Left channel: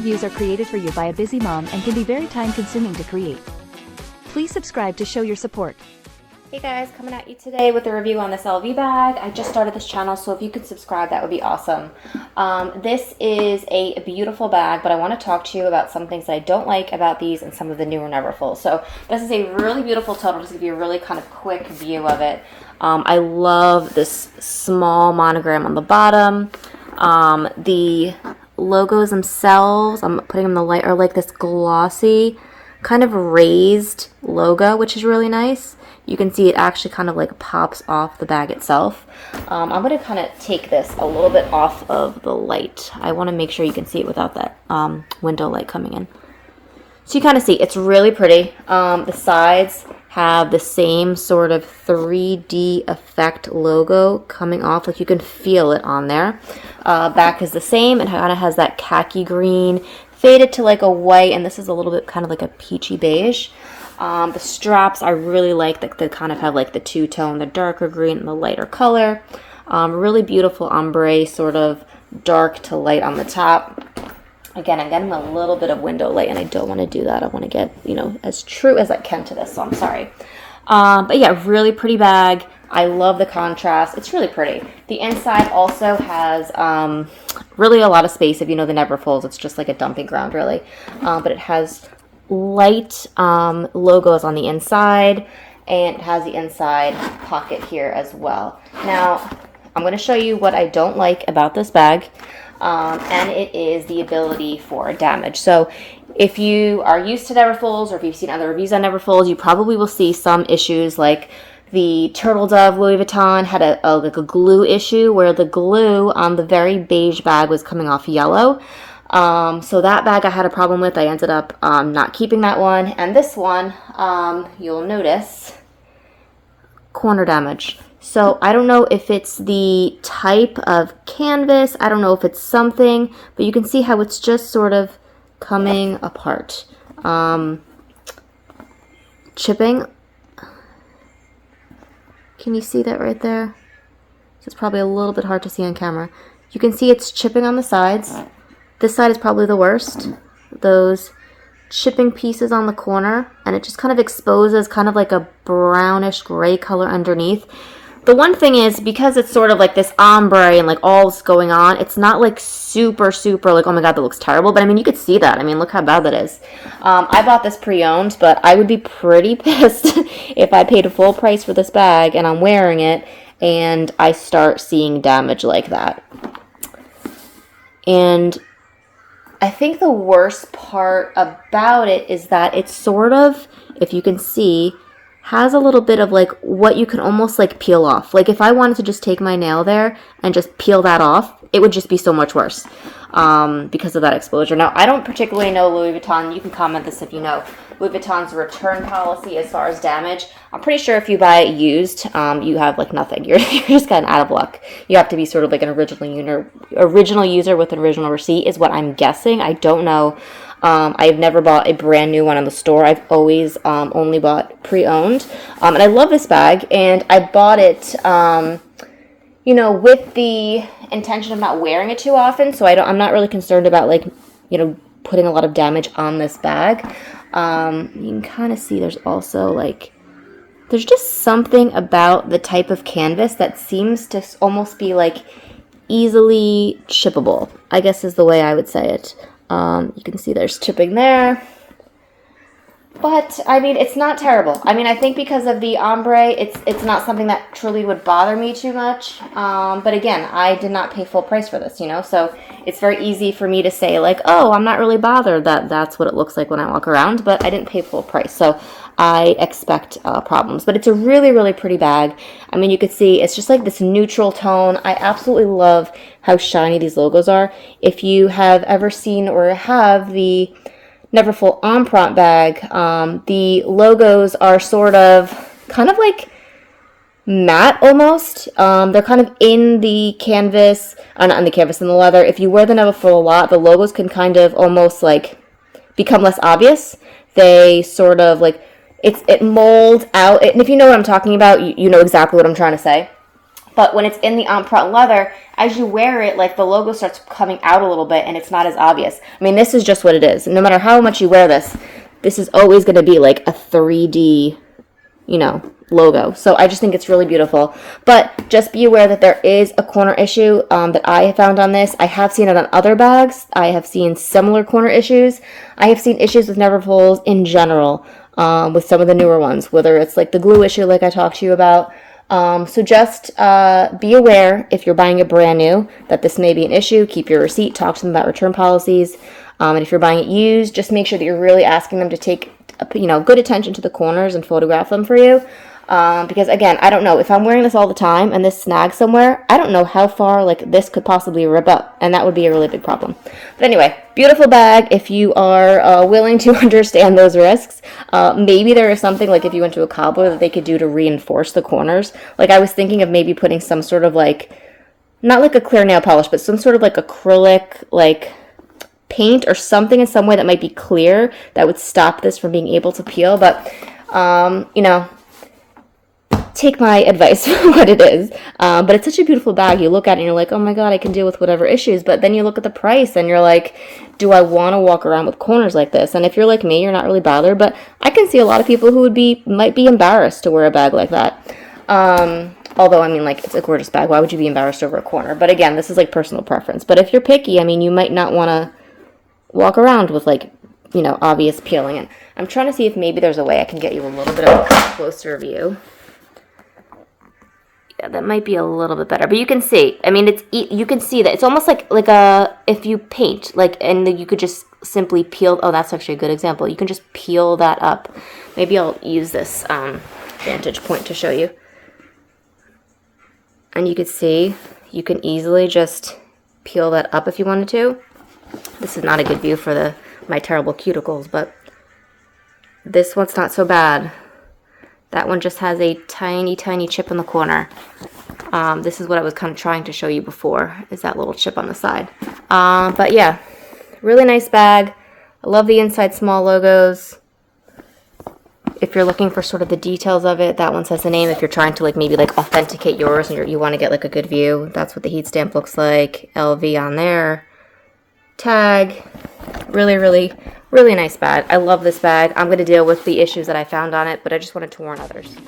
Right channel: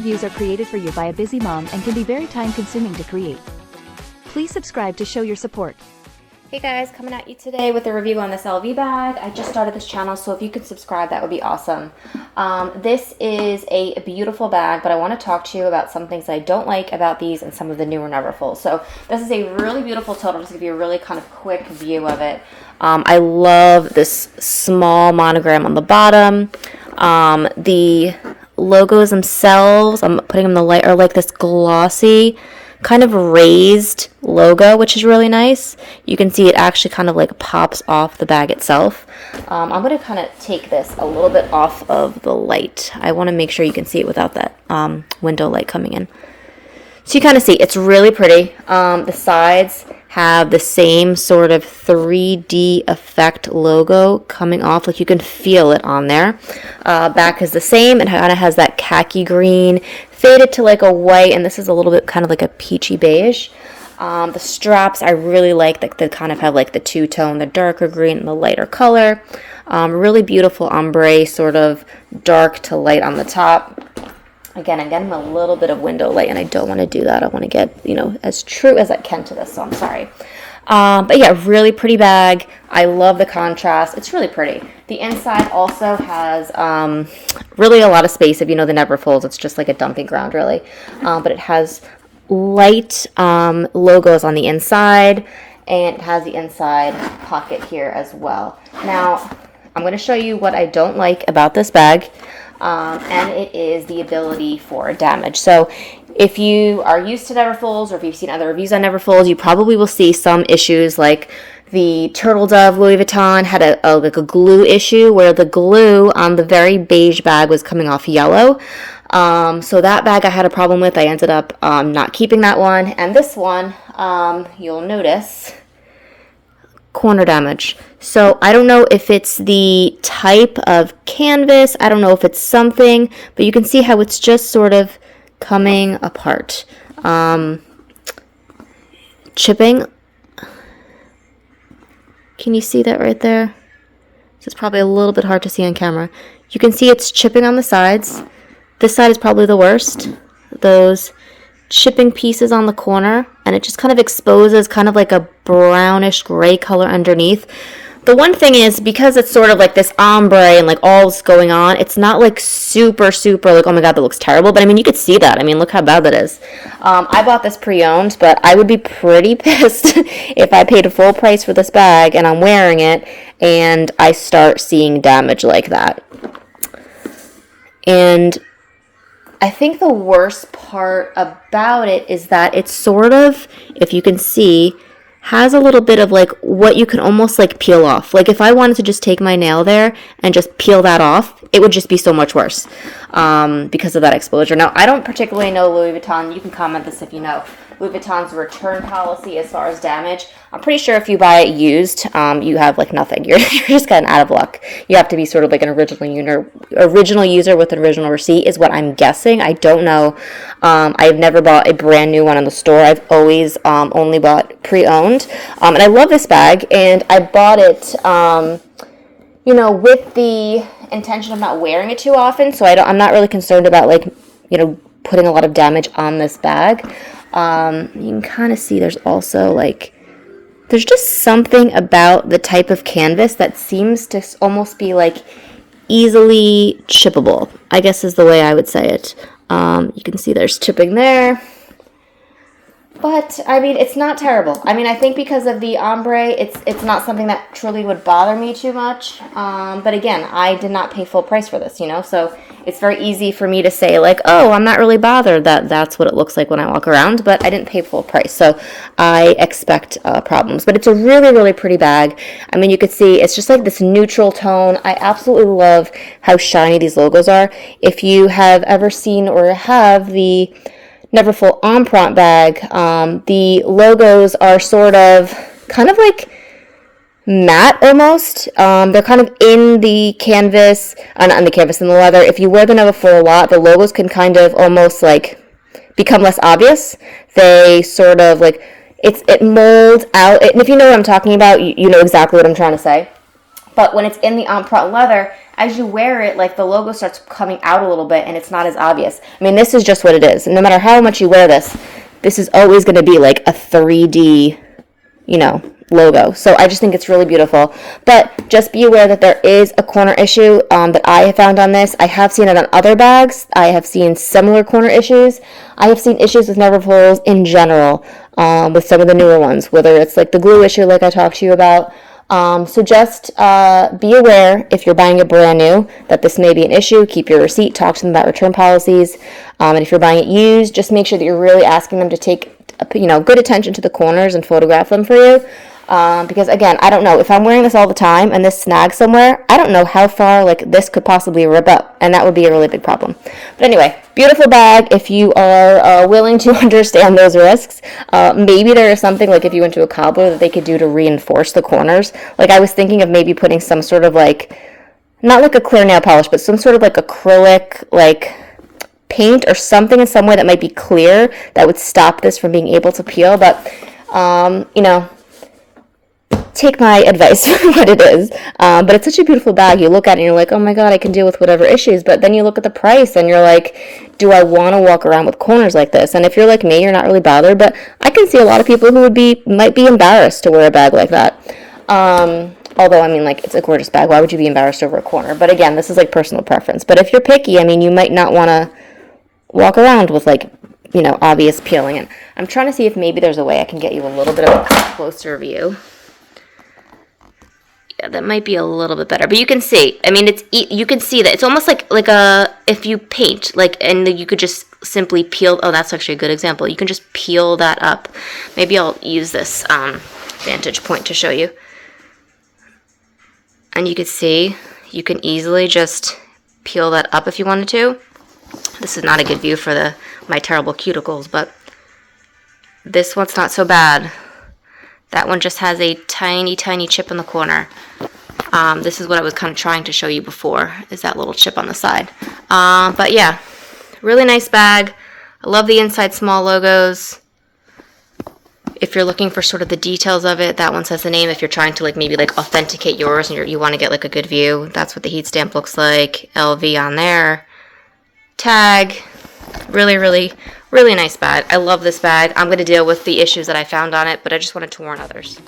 reviews are created for you by a busy mom and can be very time-consuming to create. Please subscribe to show your support. Hey guys, coming at you today with a review on this LV bag. I just started this channel, so if you could subscribe, that would be awesome. This is a beautiful bag, but I want to talk to you about some things that I don't like about these and some of the newer Neverfull. So this is a really beautiful tote. I'll just give you a really kind of quick view of it. I love this small monogram on the bottom. The logos themselves, I'm putting them in the light, are like this glossy kind of raised logo, which is really nice. You can see it actually kind of like pops off the bag itself. I'm going to kind of take this a little bit off of the light. I want to make sure you can see it without that window light coming in. So you kind of see it's really pretty. The sides have the same sort of 3D effect logo coming off, like you can feel it on there. Back is the same. It kind of has that khaki green faded to like a white, and this is a little bit kind of like a peachy beige. The straps I really like, they kind of have like the two-tone, the darker green and the lighter color. Really beautiful ombre, sort of dark to light on the top. Again, I'm getting a little bit of window light, and I don't want to do that. I want to get, you know, as true as I can to this, so I'm sorry. But yeah, really pretty bag. I love the contrast. It's really pretty. The inside also has really a lot of space. If you know the Neverfulls, it's just like a dumping ground, really. But it has light logos on the inside, and it has the inside pocket here as well. Now, I'm going to show you what I don't like about this bag. And it is the ability for damage. So if you are used to Neverfulls, or if you've seen other reviews on Neverfulls, you probably will see some issues like the Turtle Dove Louis Vuitton had like a glue issue where the glue on the very beige bag was coming off yellow. So that bag I had a problem with. I ended up not keeping that one. And this one, you'll notice corner damage. So I don't know if it's the type of canvas, I don't know if it's something, but you can see how it's just sort of coming apart. Chipping. Can you see that right there? It's probably a little bit hard to see on camera. You can see it's chipping on the sides. This side is probably the worst. Those chipping pieces on the corner, and it just kind of exposes kind of like a brownish gray color underneath. The one thing is, because it's sort of like this ombre and like all's going on, it's not like super like, oh my god, that looks terrible. But I mean, you could see that. I mean, look how bad that is. I bought this pre-owned, but I would be pretty pissed if I paid a full price for this bag and I'm wearing it and I start seeing damage like that. And I think the worst part about it is that it's sort of, if you can see, has a little bit of like what you can almost like peel off. Like if I wanted to just take my nail there and just peel that off, it would just be so much worse because of that exposure. Now, I don't particularly know Louis Vuitton. You can comment this if you know Louis Vuitton's return policy as far as damage. I'm pretty sure if you buy it used, you have like nothing. You're just kind of out of luck. You have to be sort of like an original user with an original receipt is what I'm guessing. I don't know. I've never bought a brand new one in the store. I've always only bought pre-owned. And I love this bag, and I bought it, you know, with the intention of not wearing it too often. So I'm not really concerned about like, you know, putting a lot of damage on this bag. You can kind of see there's also like, there's just something about the type of canvas that seems to almost be like easily chippable, I guess is the way I would say it. You can see there's chipping there. But, I mean, it's not terrible. I mean, I think because of the ombre, it's not something that truly would bother me too much. But again, I did not pay full price for this, you know? So it's very easy for me to say, like, oh, I'm not really bothered that that's what it looks like when I walk around. But I didn't pay full price, so I expect problems. But it's a really, really pretty bag. I mean, you could see it's just like this neutral tone. I absolutely love how shiny these logos are. If you have ever seen or have the Neverfull Empreinte bag, the logos are sort of kind of like matte almost. They're kind of in the canvas, not in the canvas, in the leather. If you wear the Neverfull a lot, the logos can kind of almost like become less obvious. They sort of like, it molds out. And if you know what I'm talking about, you know exactly what I'm trying to say. But when it's in the Empreinte leather, as you wear it, like the logo starts coming out a little bit and it's not as obvious. I mean, this is just what it is. No matter how much you wear this, this is always going to be like a 3D, you know, logo. So I just think it's really beautiful. But just be aware that there is a corner issue that I have found on this. I have seen it on other bags. I have seen similar corner issues. I have seen issues with Neverfulls in general with some of the newer ones, whether it's like the glue issue like I talked to you about. So just be aware if you're buying it brand new that this may be an issue. Keep your receipt. Talk to them about return policies. And if you're buying it used, just make sure that you're really asking them to take, you know, good attention to the corners and photograph them for you. Because again, I don't know, if I'm wearing this all the time and this snags somewhere, I don't know how far like this could possibly rip up, and that would be a really big problem. But anyway, beautiful bag if you are willing to understand those risks. Maybe there is something like if you went to a cobbler that they could do to reinforce the corners. Like I was thinking of maybe putting some sort of like, not like a clear nail polish, but some sort of like acrylic like paint or something in some way that might be clear that would stop this from being able to peel. But you know, take my advice for what it is. But it's such a beautiful bag. You look at it and you're like, oh my god, I can deal with whatever issues. But then you look at the price and you're like, do I want to walk around with corners like this? And if you're like me, you're not really bothered. But I can see a lot of people who might be embarrassed to wear a bag like that. Although, I mean, like, it's a gorgeous bag. Why would you be embarrassed over a corner? But again, this is like personal preference. But if you're picky, I mean, you might not want to walk around with like, you know, obvious peeling. And I'm trying to see if maybe there's a way I can get you a little bit of a closer view. Yeah, that might be a little bit better, but you can see. I mean, you can see that it's almost like a if you paint, like, and you could just simply peel. Oh, that's actually a good example. You can just peel that up. Maybe I'll use this vantage point to show you, and you could see you can easily just peel that up if you wanted to. This is not a good view for my terrible cuticles, but this one's not so bad. That one just has a tiny, tiny chip in the corner. This is what I was kind of trying to show you before, is that little chip on the side. But yeah, really nice bag. I love the inside small logos. If you're looking for sort of the details of it, that one says the name. If you're trying to like maybe like authenticate yours and you want to get like a good view, that's what the heat stamp looks like. LV on there. Tag. Really, really, really nice bag. I love this bag. I'm going to deal with the issues that I found on it, but I just wanted to warn others.